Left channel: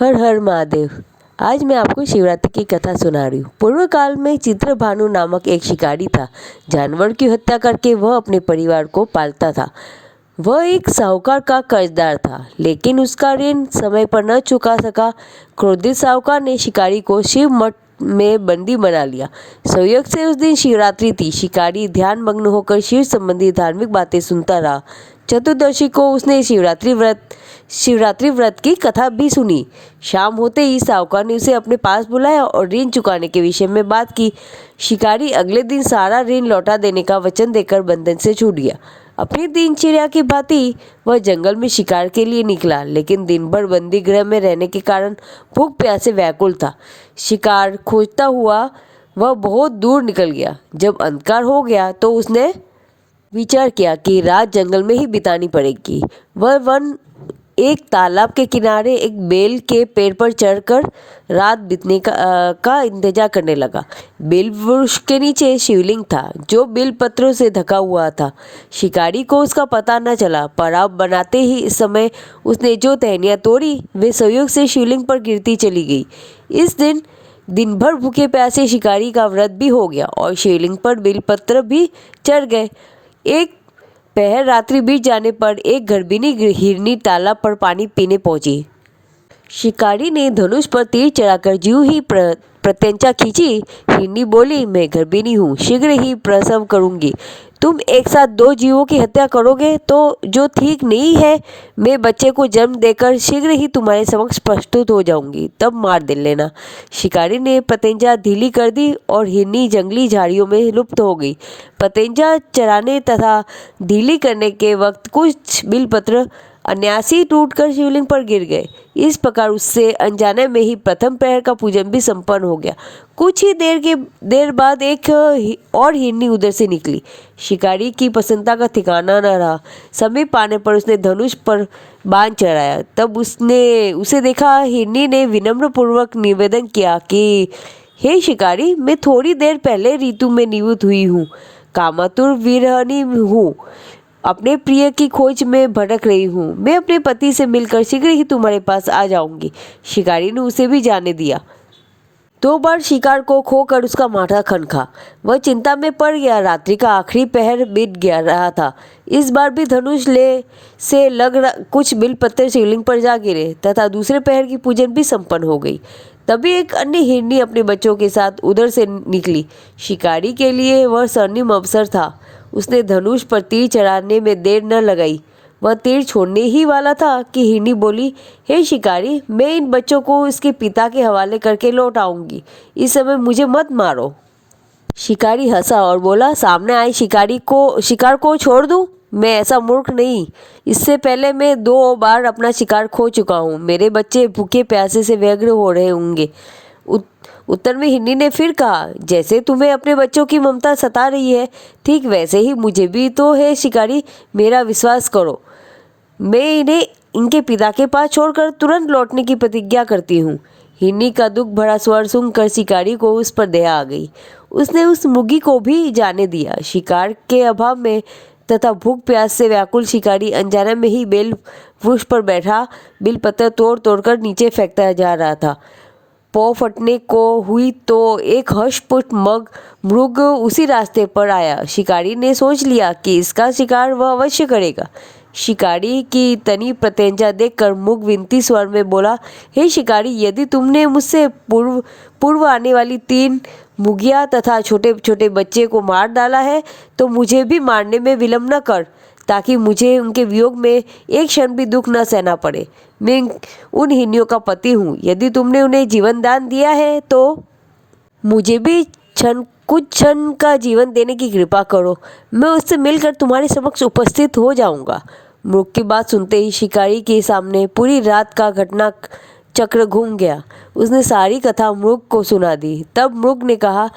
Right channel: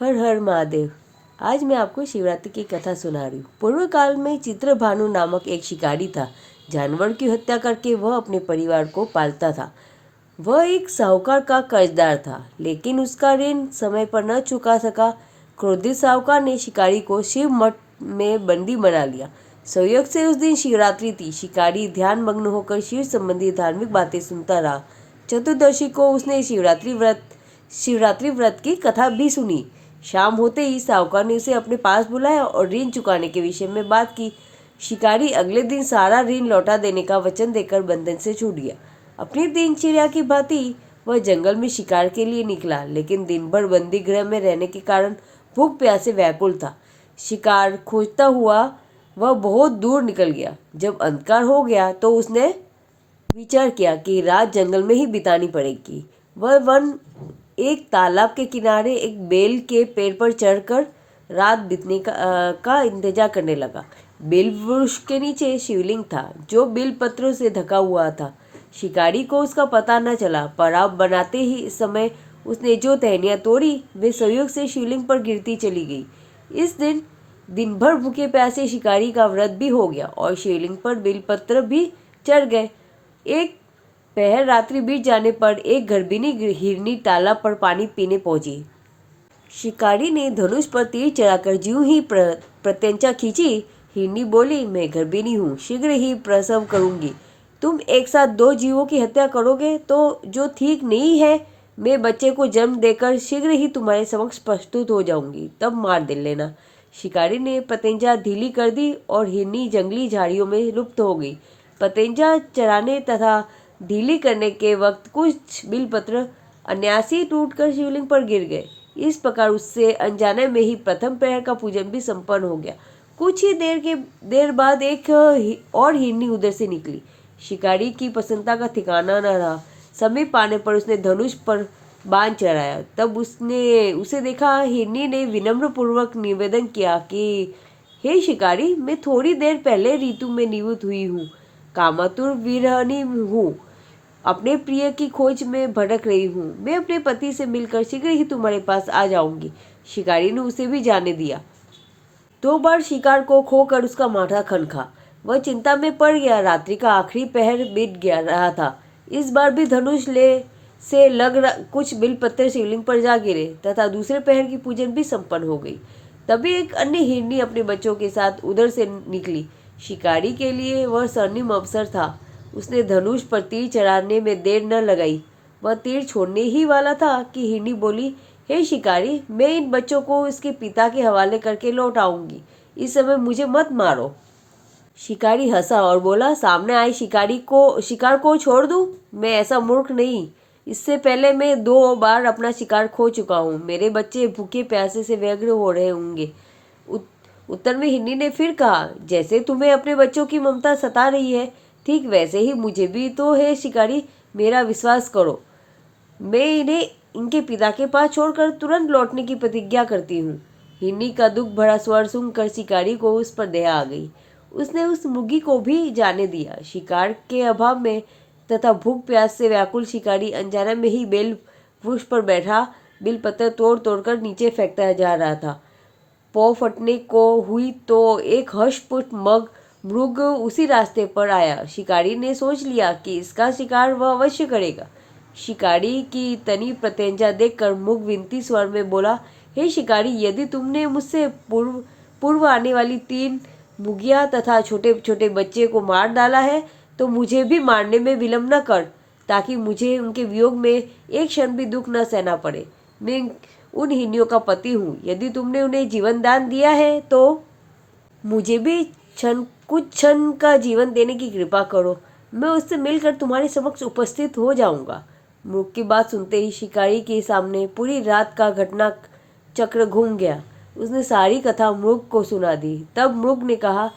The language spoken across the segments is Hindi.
हर हर महादेव। आज मैं आपको शिवरात्रि की कथा सुना रही हूँ। पूर्व काल में चित्रभानु नामक एक शिकारी था। जानवर की हत्या करके वह अपने परिवार को पालता था। वह एक साहूकार का कर्जदार था, लेकिन उसका ऋण समय पर न चुका सका। क्रोधित साहूकार ने शिकारी को शिव मठ में बंदी बना लिया। संयोग से उस दिन शिवरात्रि थी। शिकारी ध्यान मग्न होकर शिव संबंधी धार्मिक बातें सुनता रहा। चतुर्दशी को उसने शिवरात्रि व्रत की कथा भी सुनी। शाम होते ही साहूकार ने उसे अपने पास बुलाया और ऋण चुकाने के विषय में बात की। शिकारी अगले दिन सारा ऋण लौटा देने का वचन देकर बंधन से छूट गया। अपनी दिनचर्या की भांति वह जंगल में शिकार के लिए निकला, लेकिन दिन भर बंदी गृह में रहने के कारण भूख प्यास से व्याकुल था। शिकार खोजता हुआ वह बहुत दूर निकल गया। जब अंधकार हो गया तो उसने विचार किया कि रात जंगल में ही बितानी पड़ेगी। वह एक तालाब के किनारे एक बेल के पेड़ पर चढ़कर रात बीतने का इंतजार करने लगा। बेल वृक्ष के नीचे शिवलिंग था, जो बेल पत्रों से ढका हुआ था। शिकारी को उसका पता न चला। पड़ाव बनाते ही इस समय उसने जो टहनियाँ तोड़ी वे संयोग से शिवलिंग पर गिरती चली गई। इस दिन भर भूखे प्यासे शिकारी का व्रत भी हो गया और शिवलिंग पर बेलपत्र भी चढ़ गए। एक पहर रात्रि बीत जाने पर एक गर्भिणी हिरनी तालाब पर पानी पीने पहुंची। शिकारी ने धनुष पर तीर चढ़ाकर ज्यों ही प्रत्यंचा खींची, हिरनी बोली, मैं गर्भिणी हूँ, शीघ्र ही प्रसव करूंगी। तुम एक साथ दो जीवों की हत्या करोगे तो जो ठीक नहीं है। मैं बच्चे को जन्म देकर शीघ्र ही तुम्हारे समक्ष प्रस्तुत हो जाऊंगी, तब मार दे लेना। शिकारी ने प्रत्यंचा ढीली कर दी और हिरनी जंगली झाड़ियों में लुप्त हो गई। प्रत्यंचा चराने तथा ढीली करने के वक्त कुछ बिलपत्र अनायासी टूटकर शिवलिंग पर गिर गए। इस प्रकार उससे अनजाने में ही प्रथम प्रहर का पूजन भी संपन्न हो गया। कुछ ही देर बाद एक और हिरनी उधर से निकली। शिकारी की प्रसन्नता का ठिकाना न रहा। समीप आने पर उसने धनुष पर बाण चढ़ाया। तब उसने उसे देखा। हिरनी ने विनम्र पूर्वक निवेदन किया कि हे शिकारी, मैं थोड़ी देर पहले ऋतु में निवृत्त हुई हूँ। कामातुर विरहणी हूँ। अपने प्रिय की खोज में भटक रही हूँ। मैं अपने पति से मिलकर शीघ्र ही तुम्हारे पास आ जाऊंगी। शिकारी ने उसे भी जाने दिया। 2 बार शिकार को खोकर उसका माथा खनका। वह चिंता में पड़ गया। रात्रि का आखिरी पहर बीत गया रहा था। इस बार भी धनुष से कुछ बिलपत्र शिवलिंग पर जा गिरे तथा दूसरे पहर की पूजन भी संपन्न हो गई। तभी एक अन्य हिरनी अपने बच्चों के साथ उधर से निकली। शिकारी के लिए वह स्वर्णिम अवसर था। उसने धनुष पर तीर चढ़ाने में देर न लगाई। वह तीर छोड़ने ही वाला था कि हिरनी बोली, हे शिकारी, मैं इन बच्चों को इसके पिता के हवाले करके लौट आऊंगी। इस समय मुझे मत मारो। शिकारी हंसा और बोला, सामने आए शिकार को छोड़ दूं? मैं ऐसा मूर्ख नहीं। इससे पहले मैं 2 बार अपना शिकार खो चुका हूँ। मेरे बच्चे भूखे प्यासे से व्यग्र हो रहे होंगे। उत्तर में हिरनी ने फिर कहा, जैसे तुम्हें अपने बच्चों की ममता सता रही है, ठीक वैसे ही मुझे भी तो है शिकारी। मेरा विश्वास करो, मैं इन्हें इनके पिता के पास छोड़कर तुरंत लौटने की प्रतिज्ञा करती हूँ। हिरनी का दुख भरा स्वर सुनकर शिकारी को उस पर दया आ गई। उसने उस मुर्गी को भी जाने दिया। शिकार के अभाव में तथा भूख प्यास से व्याकुल शिकारी अनजाने में ही बेल वृक्ष पर बैठा बिलपत्र तोड़ तोड़कर नीचे फेंकता जा रहा था। पौ फटने को हुई तो एक हर्षपुष्ट मृग उसी रास्ते पर आया। शिकारी ने सोच लिया कि इसका शिकार वह अवश्य करेगा। शिकारी की तनी प्रत्यंचा देखकर मृग विनती स्वर में बोला, हे शिकारी, यदि तुमने मुझसे पूर्व आने वाली 3 मुर्गियाँ तथा छोटे छोटे बच्चे को मार डाला है तो मुझे भी मारने में विलम्ब न कर, ताकि मुझे उनके वियोग में एक क्षण भी दुख न सहना पड़े। मैं उन हिरनियों का पति हूँ। यदि तुमने उन्हें जीवन दान दिया है तो मुझे भी कुछ क्षण का जीवन देने की कृपा करो। मैं उससे मिलकर तुम्हारे समक्ष उपस्थित हो जाऊंगा। मृग की बात सुनते ही शिकारी के सामने पूरी रात का घटना चक्र घूम गया। उसने सारी कथा मृग को सुना दी। तब मृग ने कहा,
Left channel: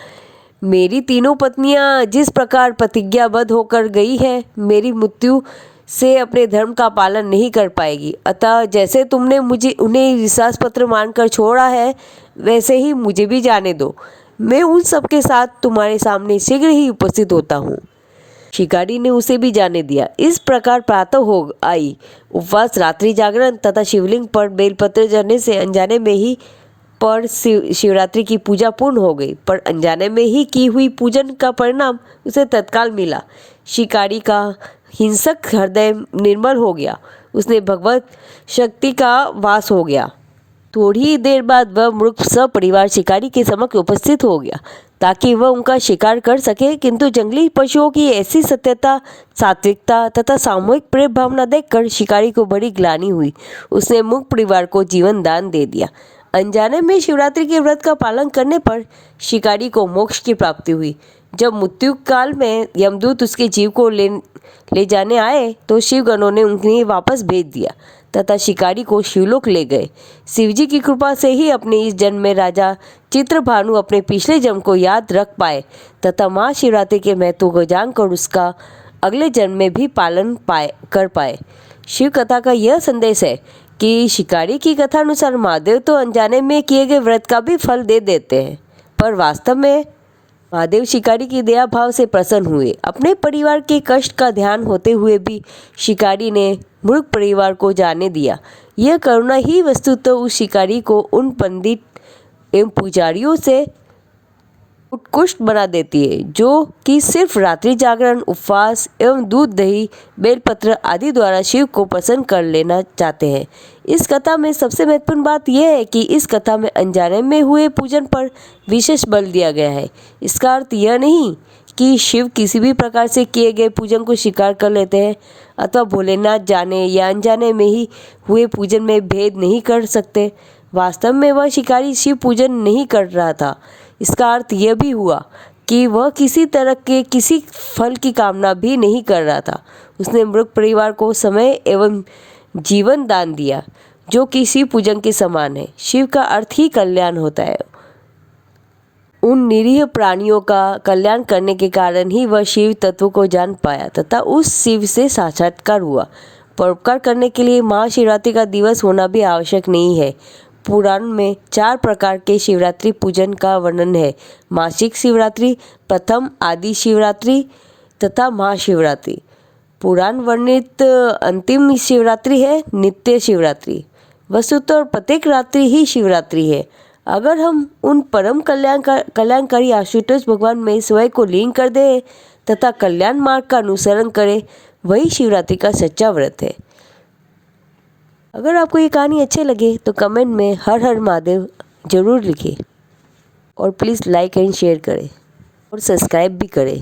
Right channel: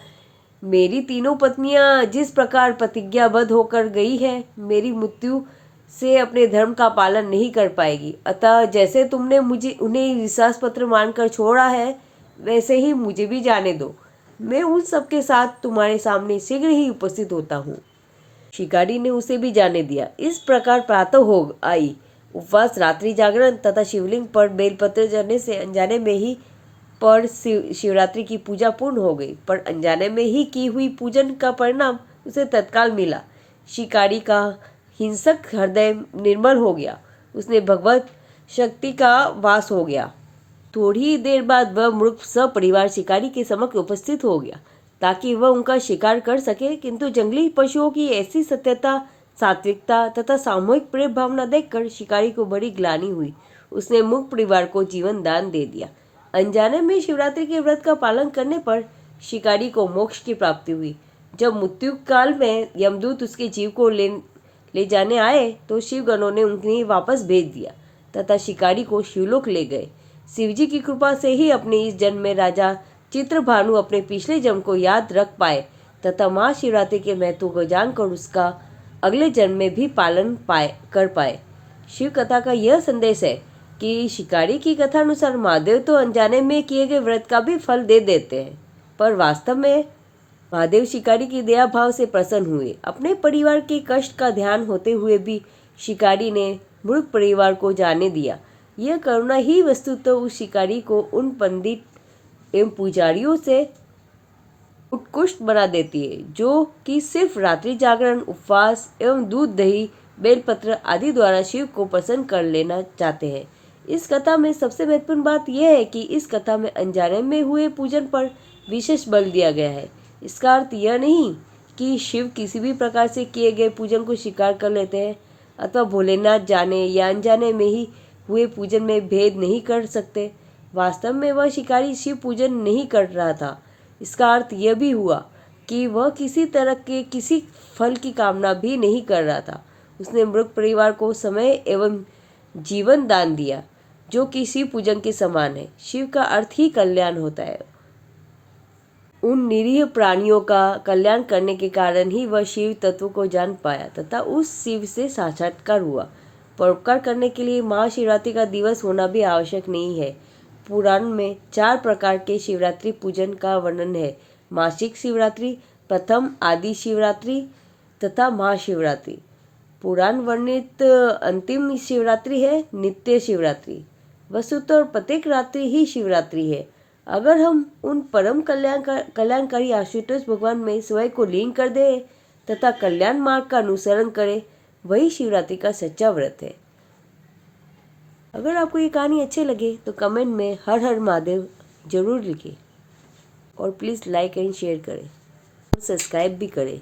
मेरी तीनों पत्नियां जिस प्रकार प्रतिज्ञाबद्ध होकर गई है, मेरी मृत्यु से अपने धर्म का पालन नहीं कर पाएगी। अतः जैसे तुमने मुझे उन्हें विश्वास पत्र मानकर छोड़ा है, वैसे ही मुझे भी जाने दो। मैं उन सब के साथ तुम्हारे सामने शीघ्र ही उपस्थित होता हूँ। शिकारी ने उसे भी जाने दिया। इस प्रकार प्रातः हो आई। उपवास, रात्रि जागरण तथा शिवलिंग पर बेलपत्र चढ़ने से अनजाने में ही पर शिवरात्रि की पूजा पूर्ण हो गई। पर अनजाने में ही की हुई पूजन का परिणाम उसे तत्काल मिला। शिकारी का हिंसक हृदय निर्मल हो गया, उसने भगवत शक्ति का वास हो गया। थोड़ी ही देर बाद वह मूर्ख सपरिवार शिकारी के समक्ष उपस्थित हो गया ताकि वह उनका शिकार कर सके, किंतु जंगली पशुओं की ऐसी सत्यता, सात्विकता तथा सामूहिक प्रेम भावना देखकर शिकारी को बड़ी ग्लानि हुई। उसने मूक परिवार को जीवन दान दे दिया। अनजाने में शिवरात्रि के व्रत का पालन करने पर शिकारी को मोक्ष की प्राप्ति हुई। जब मृत्यु काल में यमदूत उसके जीव को ले जाने आए तो शिवगणों ने उन्हें वापस भेज दिया तथा शिकारी को शिवलोक ले गए। शिवजी की कृपा से ही अपने इस जन्म में राजा चित्रभानु अपने पिछले जन्म को याद रख पाए तथा महाशिवरात्रि के महत्व को जानकर उसका अगले जन्म में भी पालन कर पाए। शिव कथा का यह संदेश है कि शिकारी की कथा अनुसार महादेव तो अनजाने में किए गए व्रत का भी फल दे देते हैं, पर वास्तव में महादेव शिकारी की दया भाव से प्रसन्न हुए। अपने परिवार के कष्ट का ध्यान होते हुए भी शिकारी ने मूर्ख परिवार को जाने दिया। यह करुणा ही वस्तुतः उस शिकारी को उन पंडित एवं पुजारियों से उत्कृष्ट बना देती है जो कि सिर्फ रात्रि जागरण, उपवास एवं दूध, दही, बेलपत्र आदि द्वारा शिव को प्रसन्न कर लेना चाहते हैं। इस कथा में सबसे महत्वपूर्ण बात यह है कि इस कथा में अनजाने में हुए पूजन पर विशेष बल दिया गया है। इसका अर्थ यह नहीं कि शिव किसी भी प्रकार से किए गए पूजन को स्वीकार कर लेते हैं अथवा भोलेनाथ जाने या अनजाने में ही हुए पूजन में भेद नहीं कर सकते। वास्तव में वह शिकारी शिव पूजन नहीं कर रहा था। इसका अर्थ यह भी हुआ कि वह किसी तरह के किसी फल की कामना भी नहीं कर रहा था। उसने मृत परिवार को समय एवं जीवन दान दिया जो कि शिव पूजन के समान है। शिव का अर्थ ही कल्याण होता है। उन निरीह प्राणियों का कल्याण करने के कारण ही वह शिव तत्व को जान पाया तथा उस शिव से साक्षात्कार हुआ। परोपकार करने के लिए महाशिवरात्रि का दिवस होना भी आवश्यक नहीं है। पुराण में 4 प्रकार के शिवरात्रि पूजन का वर्णन है। मासिक शिवरात्रि, प्रथम आदि शिवरात्रि तथा महाशिवरात्रि। पुराण वर्णित अंतिम शिवरात्रि है नित्य शिवरात्रि। वस्तुतः प्रत्येक रात्रि ही शिवरात्रि है। अगर हम उन परम कल्याणकारी आशुतोष भगवान में स्वयं को लीन कर दें तथा कल्याण मार्ग का अनुसरण करें, वही शिवरात्रि का सच्चा व्रत है। अगर आपको ये कहानी अच्छी लगे तो कमेंट में हर हर महादेव जरूर लिखें और प्लीज़ लाइक एंड शेयर करें और सब्सक्राइब भी करें।